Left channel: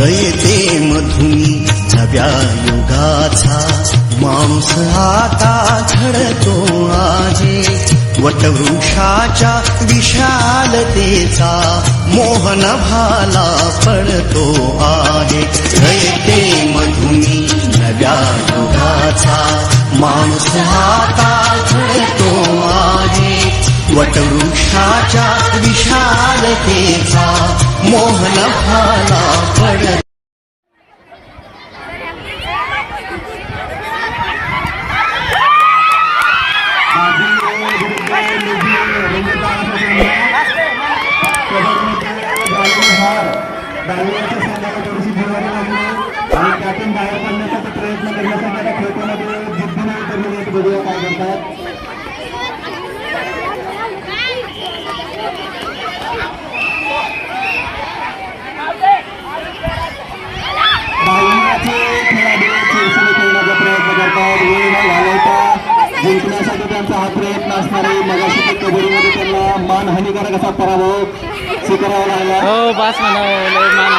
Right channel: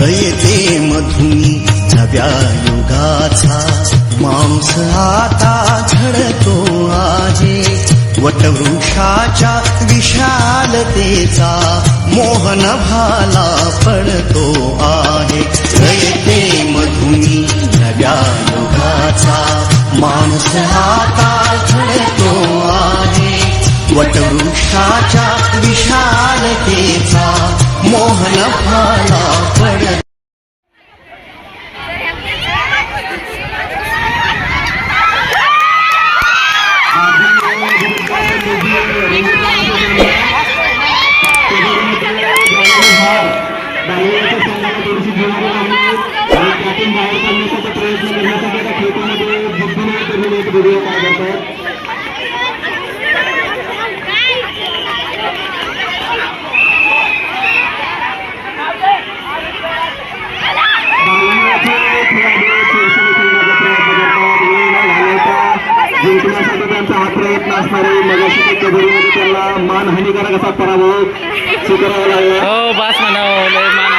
रयते मधुनी नव्या युगाचा. मांस आता झडतो आहे. वटवृक्षाच्या विशालतेचा मोहन भाला पडतो आहे. रयते मधुनी नव्या युगाचा. मांस आता झडतो आहे वटवृक्षाच्या विशालतेचा मोहन भाला पडतो. प्रयत्न करण्यासाठी आता खेळतामध्ये जिद्दीने उतरलेले एक व्हिडिओ काय करतात प्रयत्न असणार मगाशी कबड्डीमध्ये त्यांना मानहानिकारक असा पराभव स्वीकारावा लागला. हो बास म्हणा लय मान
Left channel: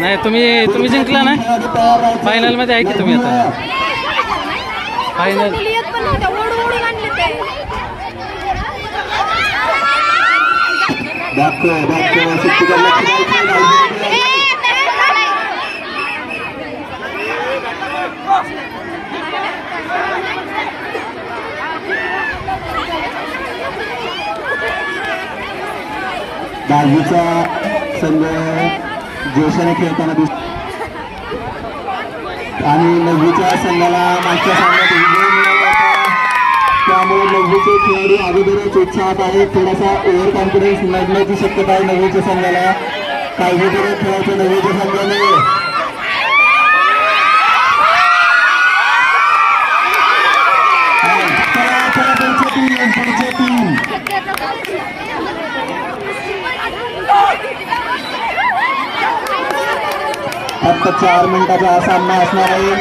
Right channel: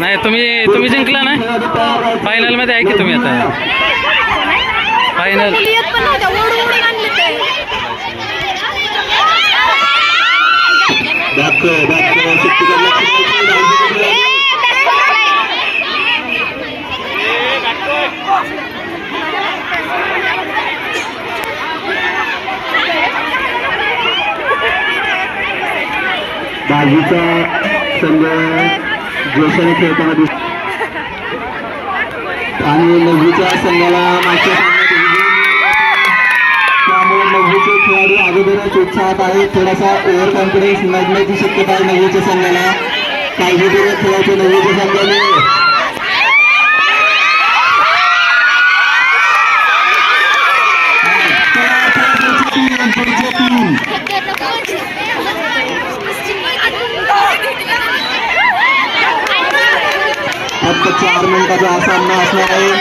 नाही तुम्ही तुम्ही जिंकला ना? फायनलमध्ये आहे की तुम्ही आता? फायनल दाखव दाखव शक्तीकडे लक्ष द्यायचं नाही. दहावीचा संघ जोशाने खेळताना दिसतो आणि नववीच्या संघाला मागच्या सामन्यात विजय त्यामुळे नववीचे खेळाडू अगोदरच उत्साहात आहेत. थोडासा ओव्हर कॉन्फिडन्स लागण्याची शक्यता आहे नववीच्या संघाला. काळजीपूर्वक खेळायचं नववीच्या संघाने. फक्त चार मिनिटाचा हा सामना असणार आहे.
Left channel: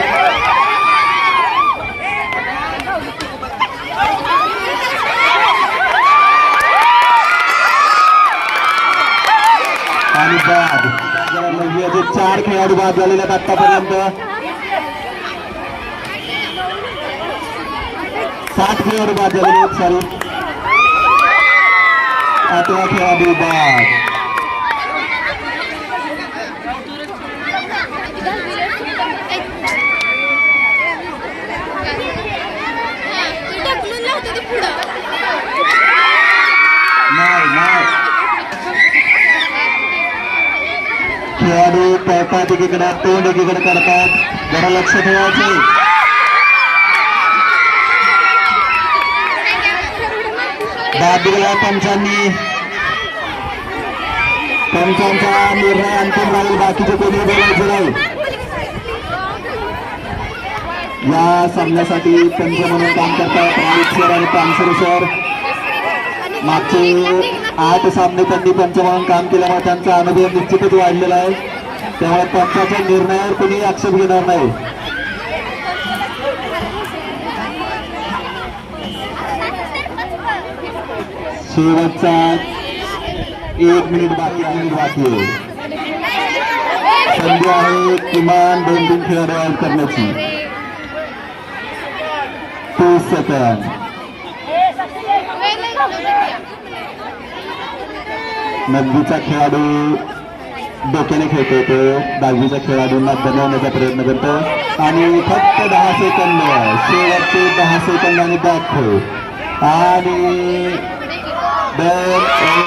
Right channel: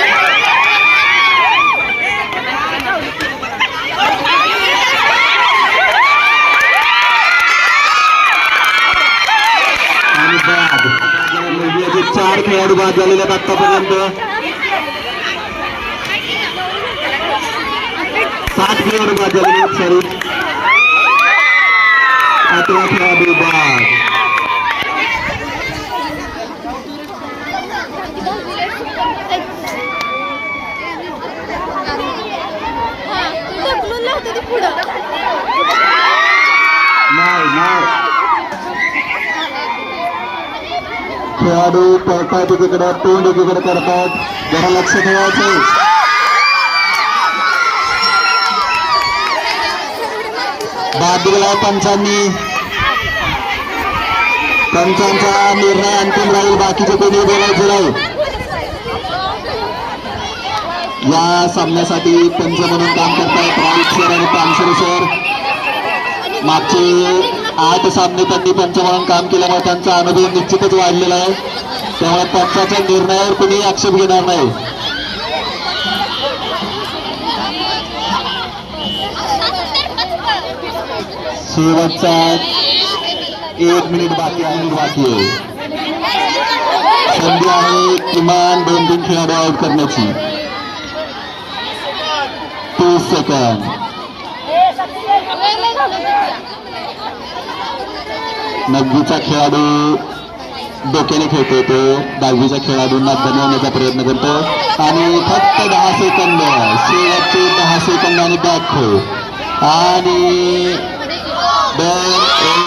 आणि बाद. इंडियाचे चार खेळाडू बाद झालेले आहेत आतापर्यंत. सात खेळाडू बाद झालेले आहेत सॉरी आठवा खेळाडू बाद नाही नाही खेळाडू पळतात एकीकडे तोंड एकीकडे करतात. जरा लक्ष ठेवायचं बाद दिला पंचांनी पंचांचा निर्णय अंतिम राहील. बाकीचे कोणी बोलायचे नाही. या सामन्यासाठी पंच म्हणून काम करतात. राऊत सर आणि पानसरे सर. मागचे आठ सामने त्यांनी पंच म्हणून काम केल्यामुळे त्यांचा अनुभव निश्चितच वाढलेला आहे. त्यामुळे पंचाच्या निर्णयावर कुणी आक्षेप घेणार नाही. शेवटचा एक मिनिट बाकी आहे बाकी आहे. संधी आहे किमान दोन तीन खेळाडू आउट करण्याची. तीस सेकंद. नववीचा खेळाडू डोक्याने खेळतो तो. दहावीच्या खेळाडूंना बनवण्याचा प्रयत्न करतो. आणि फक्त दहा सेकंद. शेवटचे दहा सेकंद आणि बॅक खो आणि दोन एक